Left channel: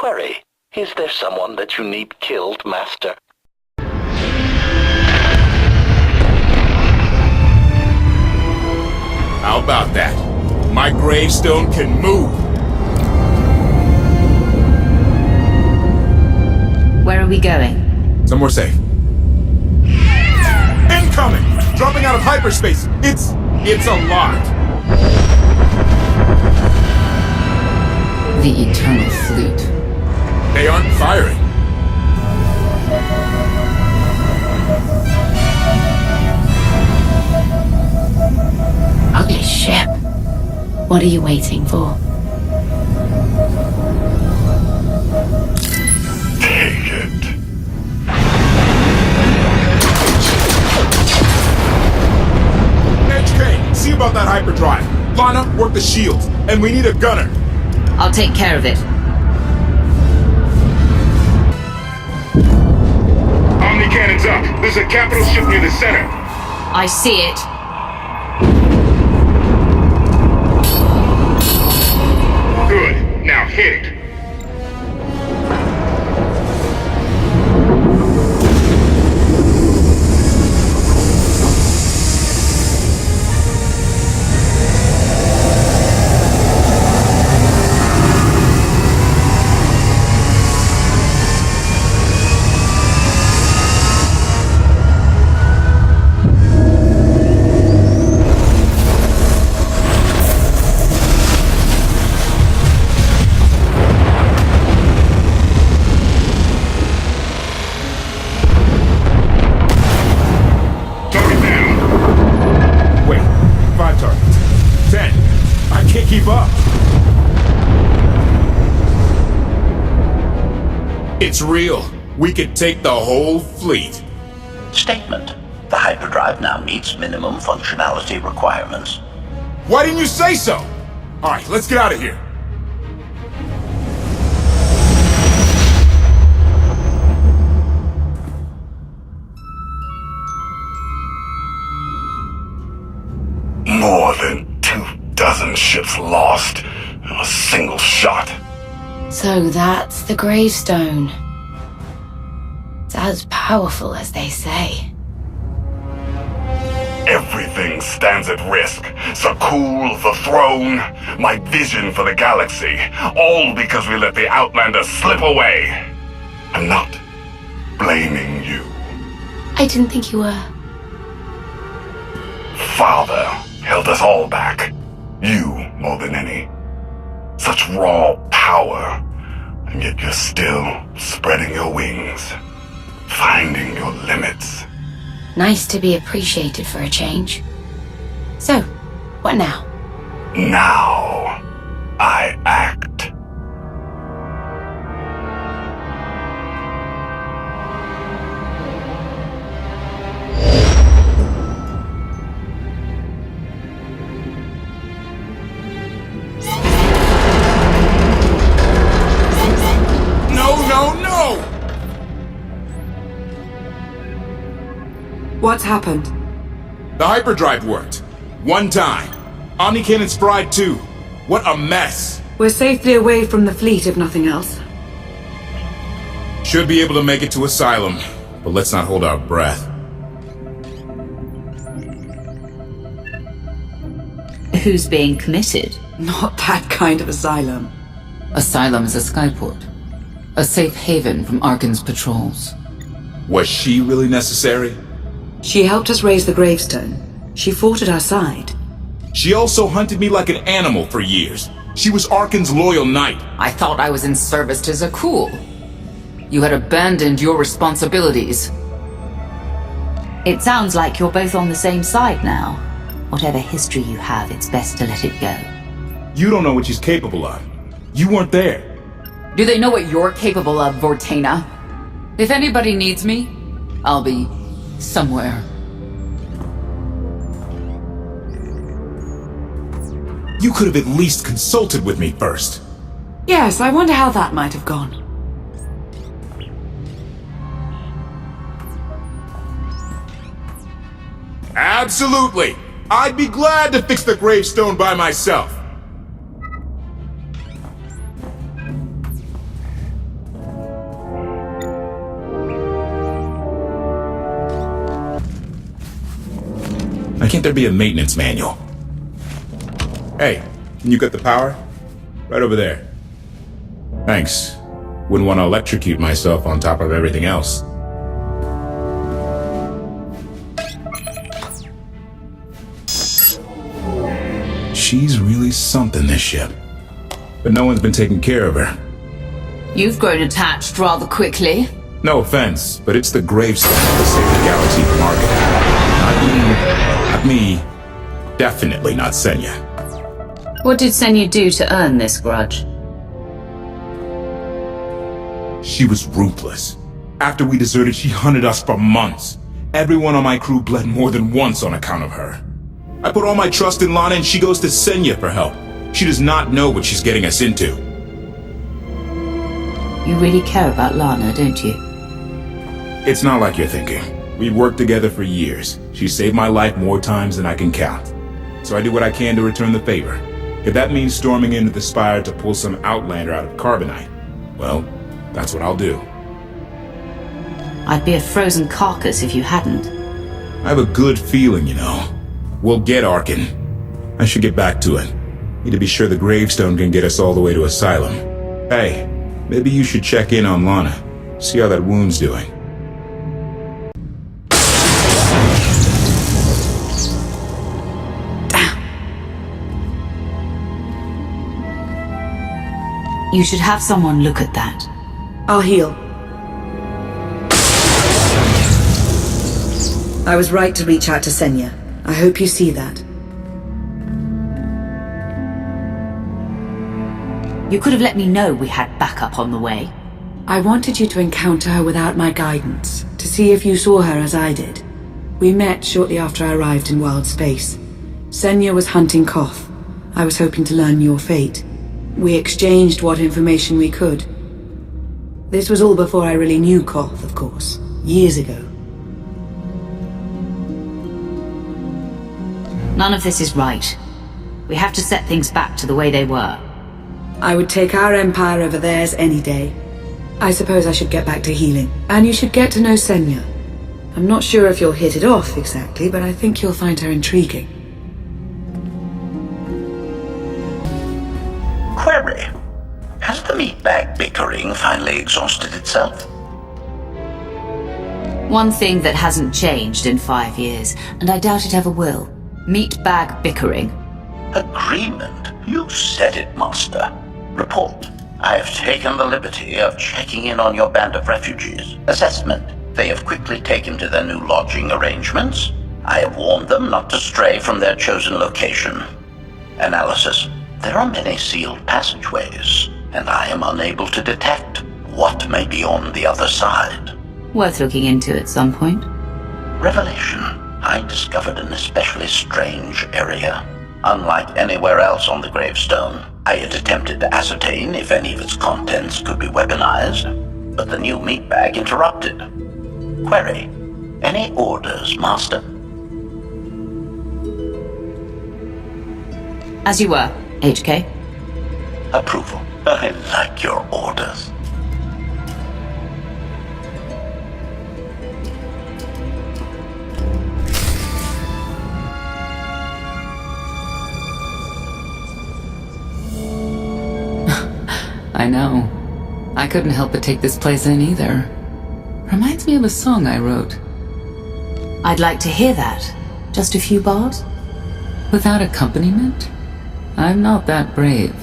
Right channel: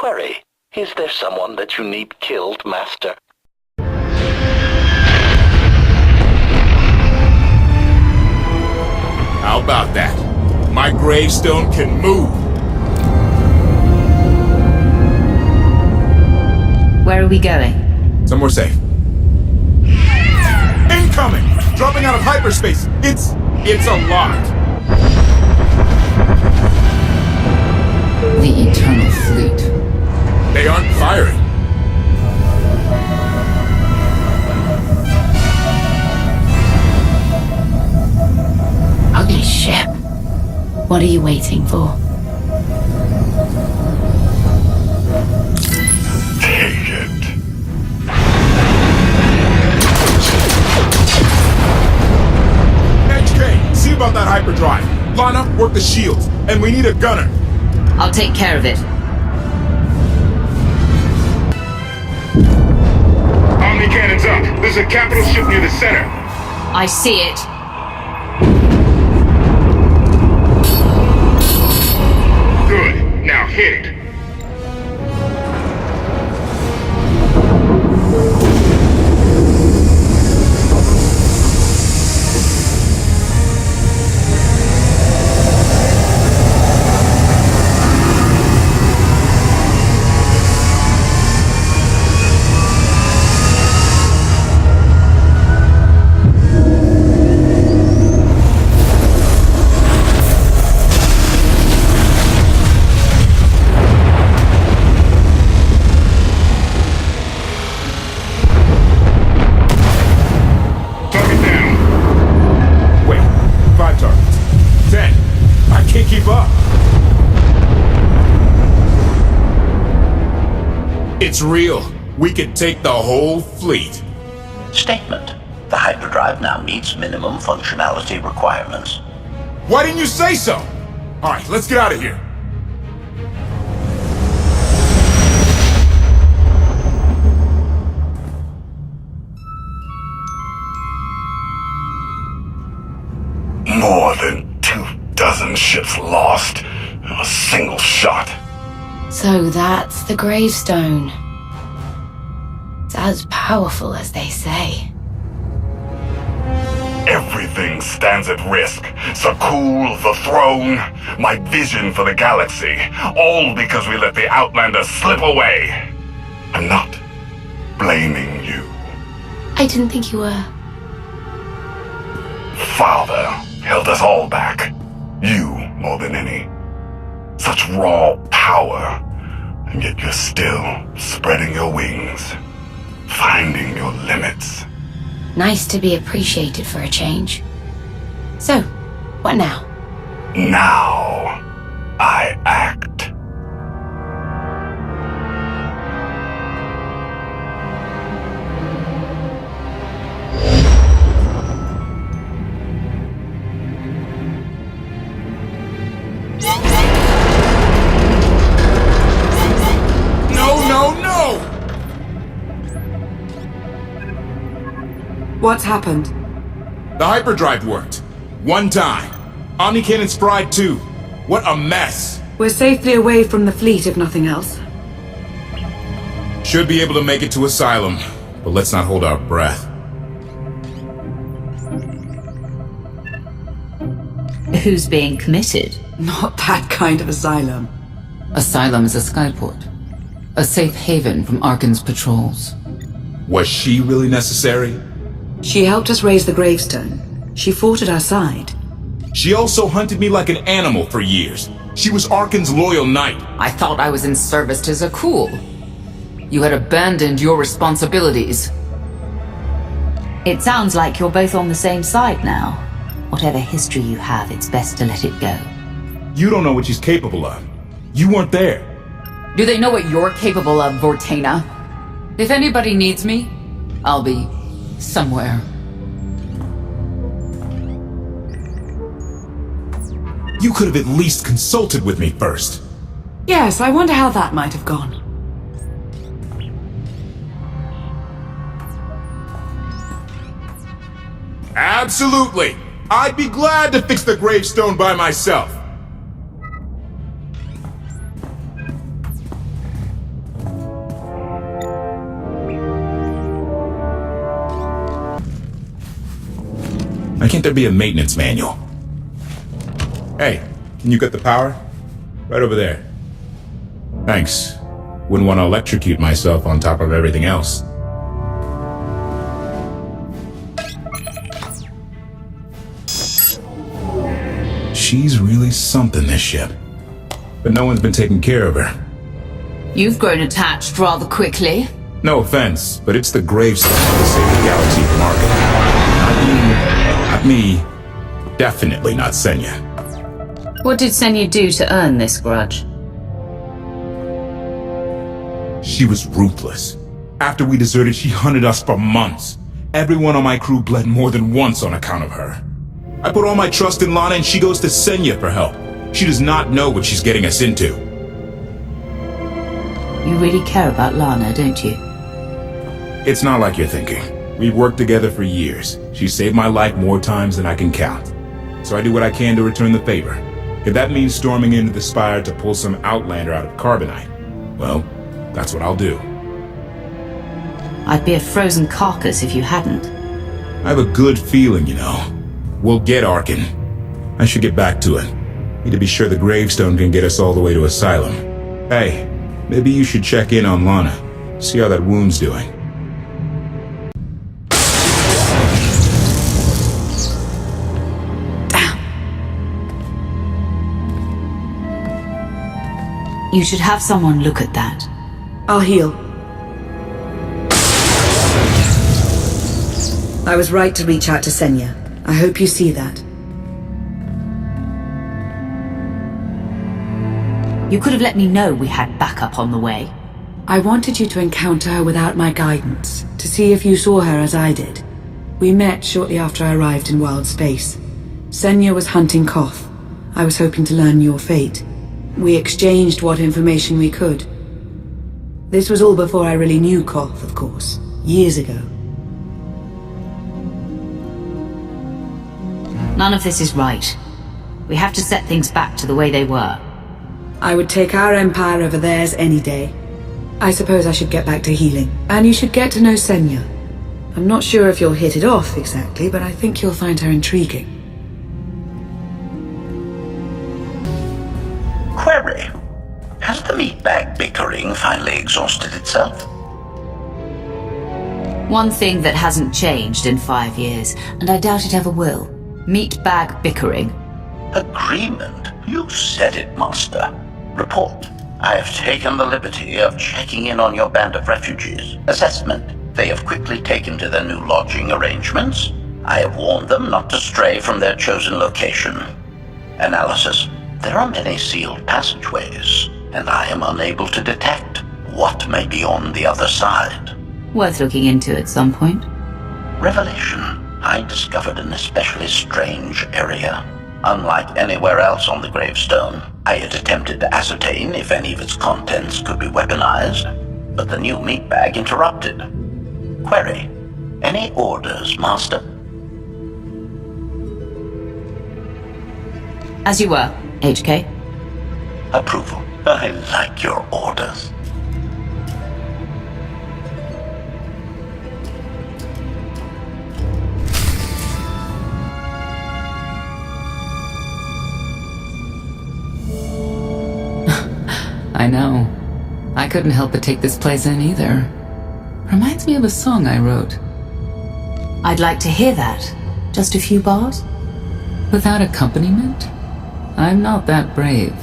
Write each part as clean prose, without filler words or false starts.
Query, is there someone that you need killed, Master? How about that? My gravestone can move! Where are we going? Somewhere safe. Incoming! Dropping out of hyperspace! It's a lot! The Eternal Fleet. They aren't firing. Ugly ship. What are you waiting for? Take it. HK, see about that hyperdrive. Lana, work the shields. And we need a gunner. I'll take care of it. Omni cannons up. There's a capital ship near the center. I see it. Good. Now hit it. It's real. We could take the whole fleet. Statement. The hyperdrive now meets minimum functionality requirements. Why didn't you say so? Alright, let's get out of here. More than 24 ships lost in a single shot. So that's the gravestone. It's as powerful as they say. Everything stands at risk. Sakul, the throne, my vision for the galaxy. All because we let the Outlander slip away. I'm not blaming you. I didn't think you were. Father held us all back. You more than any. Such raw power. And yet you're still spreading your wings. Finding your limits. Nice to be appreciated for a change. So, what now? Now, I act. No! What's happened? The hyperdrive worked. One time. Omnicannon's fried too. What a mess. We're safely away from the fleet, if nothing else. Should be able to make it to Asylum, but let's not hold our breath. Who's being committed? Not that kind of asylum. Asylum is a skyport. A safe haven from Arkan's patrols. Was she really necessary? She helped us raise the gravestone. She fought at our side. She also hunted me like an animal for years. She was Arkan's loyal knight. I thought I was in service to Zakul. You had abandoned your responsibilities. It sounds like you're both on the same side now. Whatever history you have, it's best to let it go. You don't know what she's capable of. You weren't there. Do they know what you're capable of, Vortana? If anybody needs me, I'll be somewhere. You could have at least consulted with me first. Yes, I wonder how that might have gone. Absolutely! I'd be glad to fix the gravestone by myself. can't there be a maintenance manual? Hey, can you cut the power? Right over there. Thanks. Wouldn't want to electrocute myself on top of everything else. She's really something, this ship. But no one's been taking care of her. You've grown attached rather quickly. No offense, but it's the gravestone to save the galaxy from Arkin. Not me. Definitely not Senya. What did Senya do to earn this grudge? She was ruthless. After we deserted, she hunted us for months. Everyone on my crew bled more than once on account of her. I put all my trust in Lana and she goes to Senya for help. She does not know what she's getting us into. You really care about Lana, don't you? It's not like you're thinking. We've worked together for years. She saved my life more times than I can count. So I do what I can to return the favor. If that means storming into the Spire to pull some Outlander out of Carbonite, well, that's what I'll do. I'd be a frozen carcass if you hadn't. I have a good feeling, you know. We'll get Arkin. I should get back to it. Need to be sure the gravestone can get us all the way to Asylum. Hey, maybe you should check in on Lana. See how that wound's doing. You should have someone look at that. I'll heal. I was right to reach out to Senya. I hope you see that. You could have let me know we had backup on the way. I wanted you to encounter her without my guidance, to see if you saw her as I did. We met shortly after I arrived in world space. Senya was hunting Koth. I was hoping to learn your fate. We exchanged what information we could. This was all before I really knew Koth, of course. Years ago. None of this is right. We have to set things back to the way they were. I would take our empire over theirs any day. I suppose I should get back to healing. And you should get to know Senya. I'm not sure if you'll hit it off exactly, but I think you'll find her intriguing. Query. Has the meatbag bickering finally exhausted itself? One thing that hasn't changed in 5 years, and I doubt it ever will. Meatbag bickering. Agreement? You said it, Master. Report. I have taken the liberty of checking in on your band of refugees. Assessment. They have quickly taken to their new lodging arrangements. I have warned them not to stray from their chosen location. Analysis. There are many sealed passageways, and I am unable to detect what may be on the other side. Worth looking into at some point. Revelation. I discovered an especially strange area. Unlike anywhere else on the gravestone, I had attempted to ascertain if any of its contents could be weaponized, but the new meatbag interrupted. Query. Any orders, Master? As you were, HK. Approval. I like your orders. I know. I couldn't help but take this place in either. Reminds me of a song I wrote. I'd like to hear that. Just a few bars? Without accompaniment? I'm not that brave.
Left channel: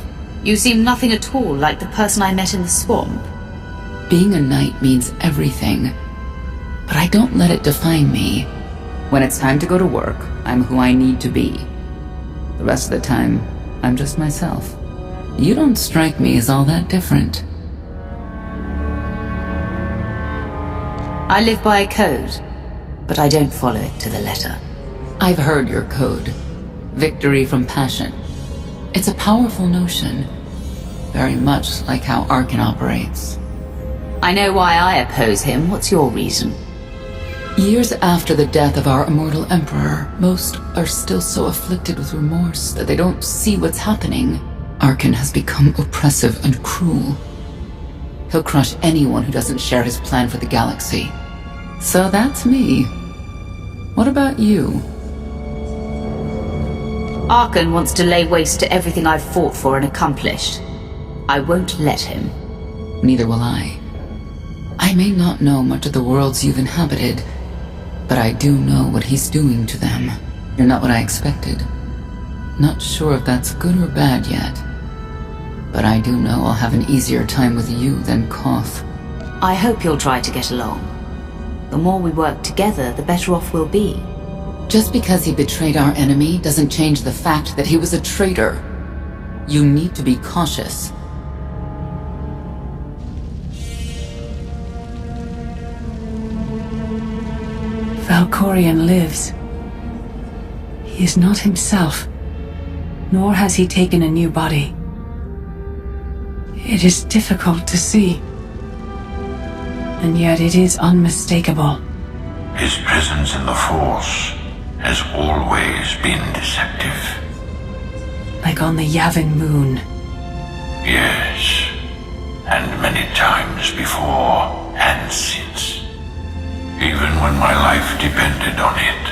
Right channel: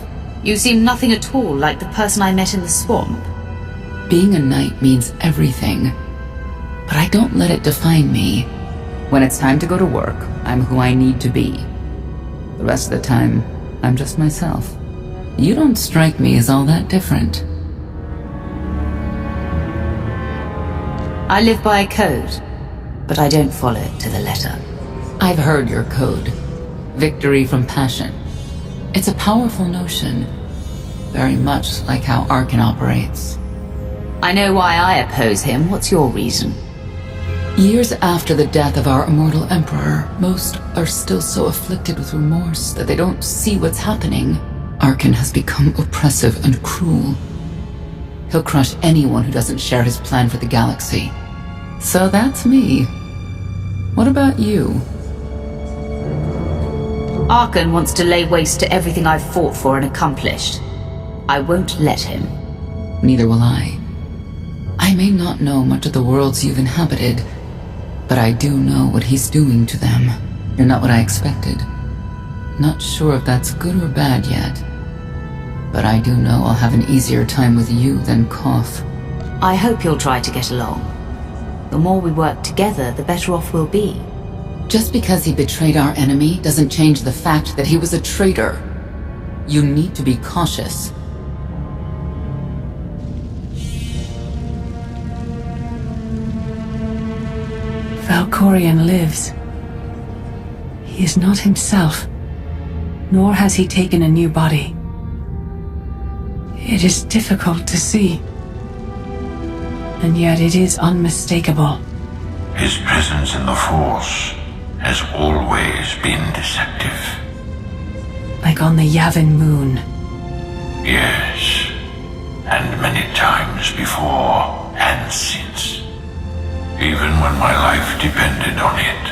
You seem nothing at all like the person I met in the swamp. Being a knight means everything. But I don't let it define me. When it's time to go to work, I'm who I need to be. The rest of the time, I'm just myself. You don't strike me as all that different. I live by a code, but I don't follow it to the letter. I've heard your code. Victory from passion. It's a powerful notion. Very much like how Arkin operates. I know why I oppose him. What's your reason? Years after the death of our immortal emperor, most are still so afflicted with remorse that they don't see what's happening. Arkin has become oppressive and cruel. He'll crush anyone who doesn't share his plan for the galaxy. So that's me. What about you? Arkan wants to lay waste to everything I've fought for and accomplished. I won't let him. Neither will I. I may not know much of the worlds you've inhabited, but I do know what he's doing to them. You're not what I expected. Not sure if that's good or bad yet. But I do know I'll have an easier time with you than Koth. I hope you'll try to get along. The more we work together, the better off we'll be. Just because he betrayed our enemy doesn't change the fact that he was a traitor. You need to be cautious. Valkorion lives. He is not himself, nor has he taken a new body. It is difficult to see, and yet it is unmistakable. His presence in the Force has always been deceptive. Like on the Yavin moon. Yes, and many times before and since. Even when my life depended on it.